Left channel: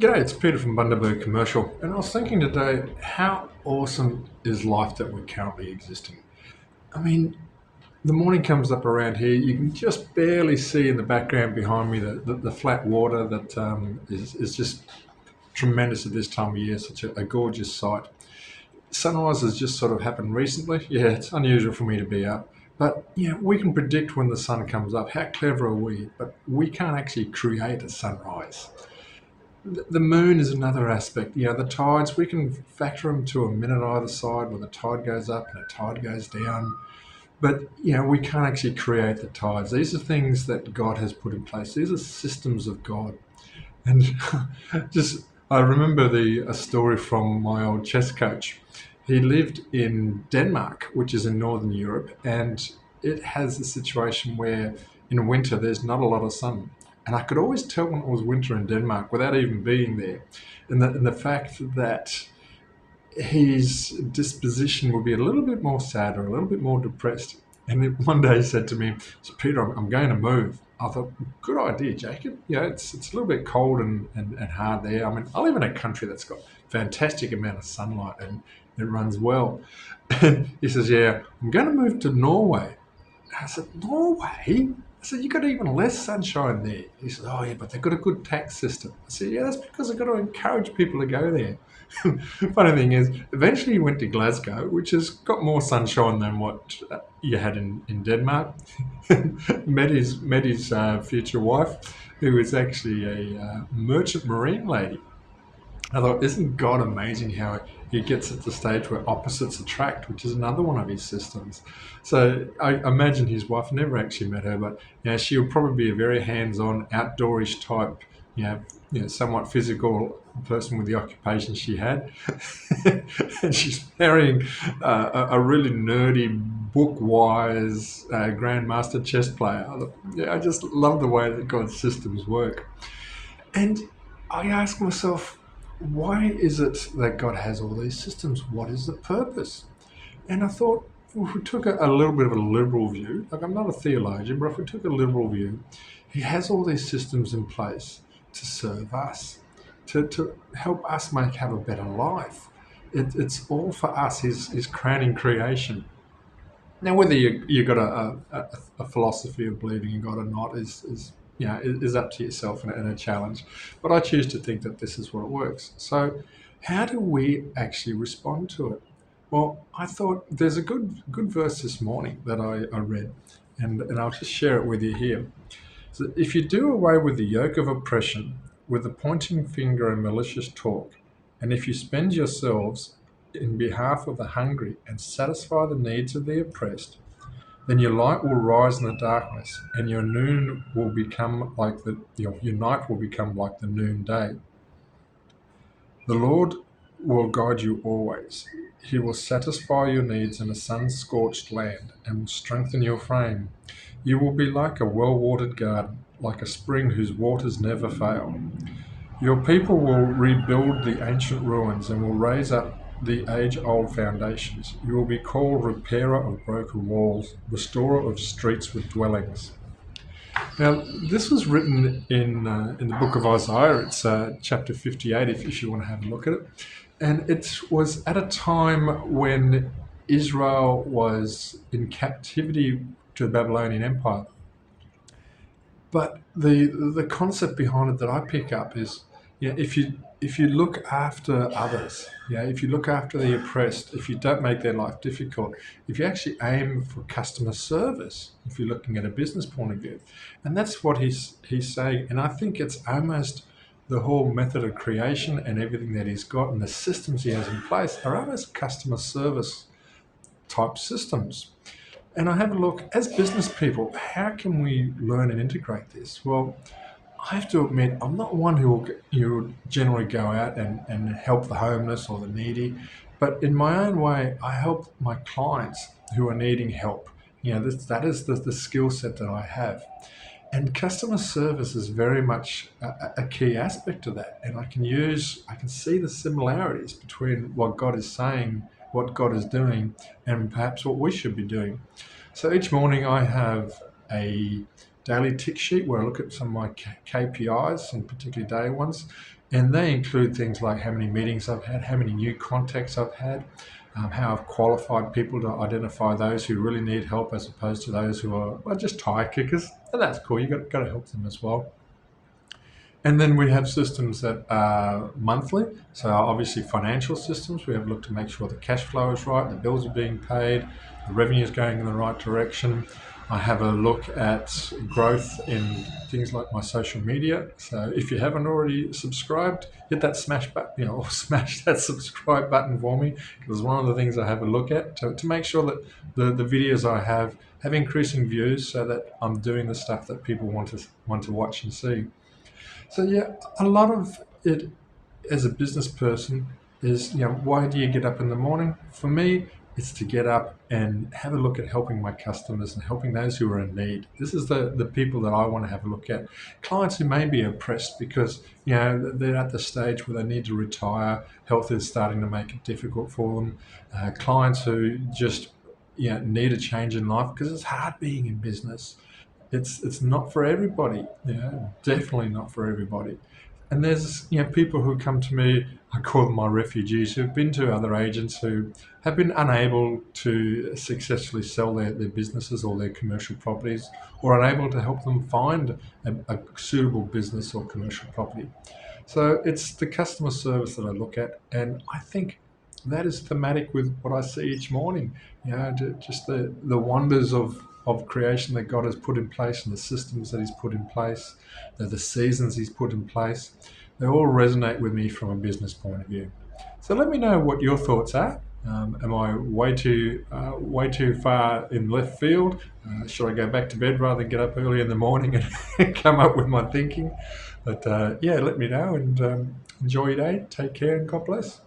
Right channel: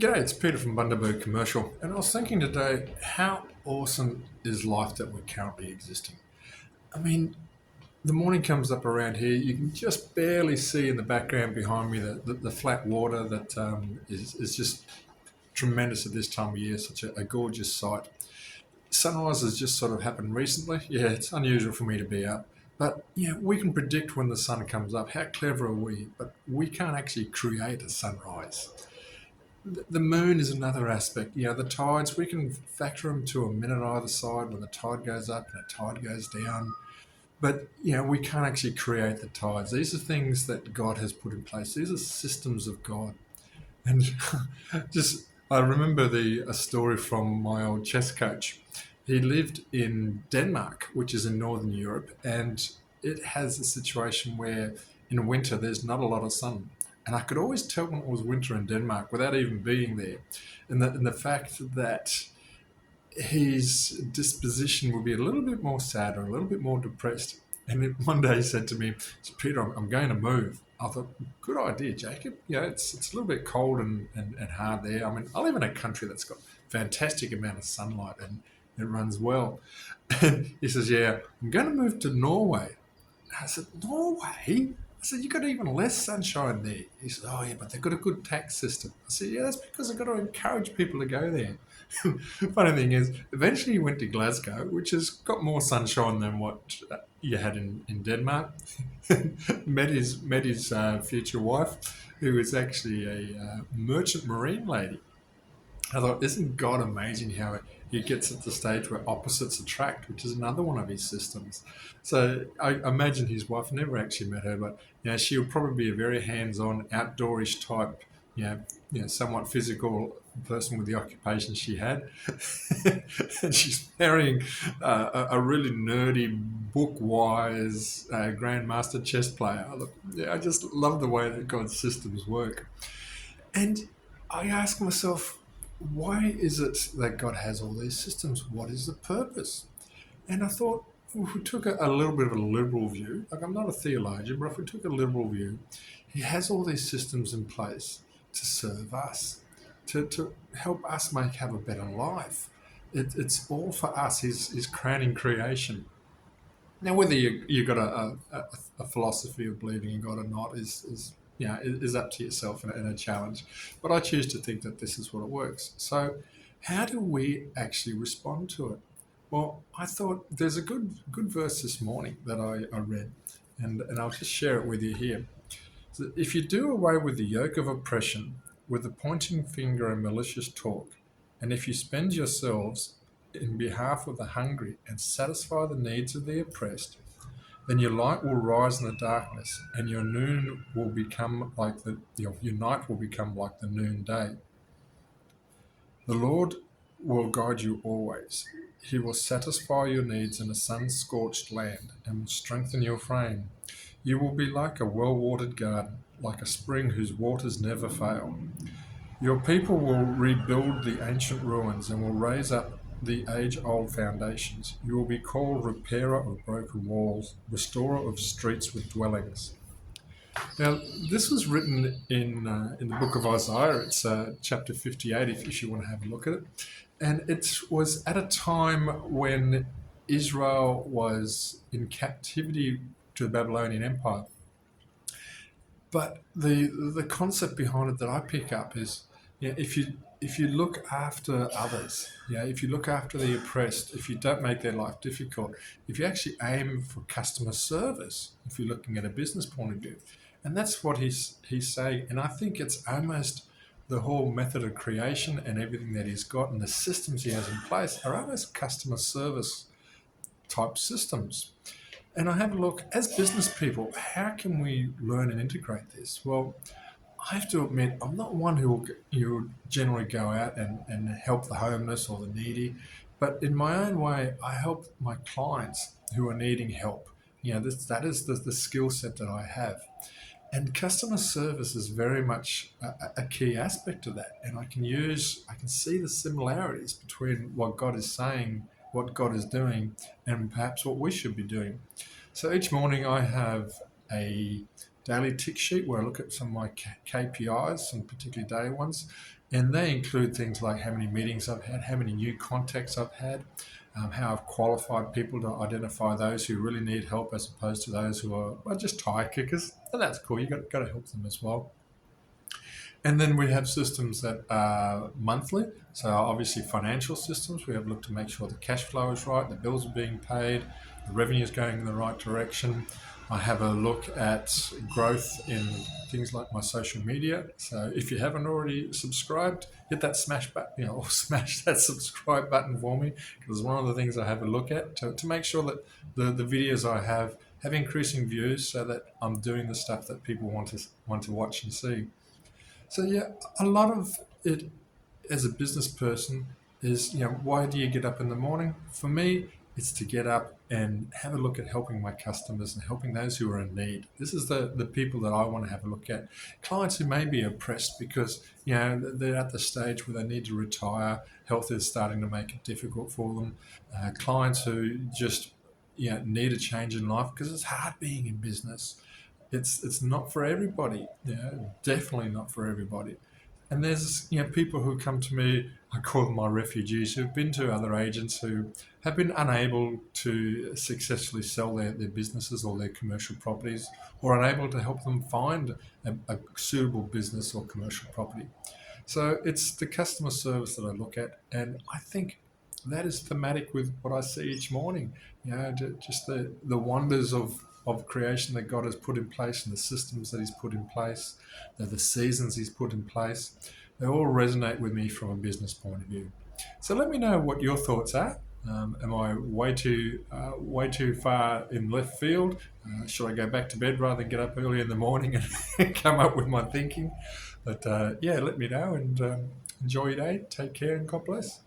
G'day, it's Peter from Bundaberg Commercial, and I was thinking today, how awesome is life that we're currently existing? I mean, the morning comes up around here, you can just barely see in the background behind me the flat water that is just tremendous at this time of year, such a gorgeous sight. Sunrise has just sort of happened recently. Yeah, it's unusual for me to be up. But yeah, we can predict when the sun comes up. How clever are we? But we can't actually create a sunrise. The moon is another aspect. The tides, we can factor them to a minute either side when the tide goes up and the tide goes down. But, we can't actually create the tides. These are things that God has put in place. These are systems of God. And just, I remember a story from my old chess coach. He lived in Denmark, which is in Northern Europe, and it has a situation where in winter there's not a lot of sun. And I could always tell when it was winter in Denmark without even being there. And the fact that his disposition would be a little bit more sad or a little bit more depressed. And one day he said to me, "So Peter, I'm going to move." I thought, good idea, Jacob. It's a little bit cold and hard there. I mean, I live in a country that's got fantastic amount of sunlight and it runs well. And he says, "Yeah, I'm going to move to Norway." I said, "Norway?" I said, "You got even less sunshine there." He said, "Oh, yeah, but they've got a good tax system." I said, "Yeah, that's because I've got to encourage people to go there." Funny thing is, eventually he went to Glasgow, which has got more sunshine than what you had in Denmark. met his future wife, who is actually a merchant marine lady. I thought, isn't God amazing how he gets at the stage where opposites attract, which is another one of his systems. So I imagine his wife, never actually met her, but she'll probably be a very hands-on, outdoorish type, somewhat physical person with the occupation she had. And she's marrying a really nerdy, book-wise grandmaster chess player. I just love the way that God's systems work. And I ask myself, why is it that God has all these systems? What is the purpose? And I thought, if we took a little bit of a liberal view, like I'm not a theologian, but if we took a liberal view, He has all these systems in place to serve us, to help us have a better life. It's all for us, His crowning creation. Now, whether you got a philosophy of believing in God or not is up to yourself and a challenge. But I choose to think that this is what it works. So, how do we actually respond to it? Well, I thought there's a good verse this morning that I read, and I'll just share it with you here. So, if you do away with the yoke of oppression, with the pointing finger and malicious talk, and if you spend yourselves in behalf of the hungry and satisfy the needs of the oppressed, then your light will rise in the darkness, and your noon will become like your night will become like the noonday. The Lord will guide you always. He will satisfy your needs in a sun-scorched land and will strengthen your frame. You will be like a well-watered garden, like a spring whose waters never fail. Your people will rebuild the ancient ruins and will raise up the age-old foundations. You will be called repairer of broken walls, restorer of streets with dwellings. Now, this was written in the book of Isaiah. It's chapter 58, if you want to have a look at it. And it was at a time when Israel was in captivity to the Babylonian Empire. But the concept behind it that I pick up is, if you look after others, if you look after the oppressed, if you don't make their life difficult, if you actually aim for customer service, if you're looking at a business point of view, and that's what he's saying. And I think it's almost the whole method of creation and everything that he's got and the systems he has in place are almost customer service type systems. And I have a look, as business people, how can we learn and integrate this? Well, I have to admit, I'm not one who will generally go out and help the homeless or the needy, but in my own way, I help my clients who are needing help. That is the skill set that I have. And customer service is very much a key aspect of that. And I can see the similarities between what God is saying, what God is doing, and perhaps what we should be doing. So each morning I have a daily tick sheet where I look at some of my KPIs, some particularly day ones, And they include things like how many meetings I've had, how many new contacts I've had, how I've qualified people to identify those who really need help as opposed to those who are well, just tire kickers. And that's cool. Got to help them as well. And then we have systems that are monthly. So obviously financial systems. We have looked to make sure the cash flow is right, the bills are being paid, the revenue is going in the right direction. I have a look at growth in things like my social media. So if you haven't already subscribed, hit that smash button, or smash that subscribe button for me, because one of the things I have a look at to make sure that the videos I have increasing views, so that I'm doing the stuff that people want to watch and see. So yeah, a lot of it as a business person is, why do you get up in the morning? For me, it's to get up and have a look at helping my customers and helping those who are in need. This is the people that I want to have a look at. Clients who may be oppressed because, they're at the stage where they need to retire. Health is starting to make it difficult for them. Clients who just, need a change in life because it's hard being in business. It's not for everybody. Definitely not for everybody. And there's people who come to me. I call them my refugees who've been to other agents who have been unable to successfully sell their businesses or their commercial properties, or unable to help them find a suitable business or commercial property. So it's the customer service that I look at, and I think that is thematic with what I see each morning. Just the wonders of creation that God has put in place and the systems that He's put in place, the seasons He's put in place. They all resonate with me from a business point of view. So let me know what your thoughts are. Am I way too far in left field? Should I go back to bed rather than get up early in the morning and come up with my thinking? But yeah, let me know, and enjoy your day. Take care and God bless.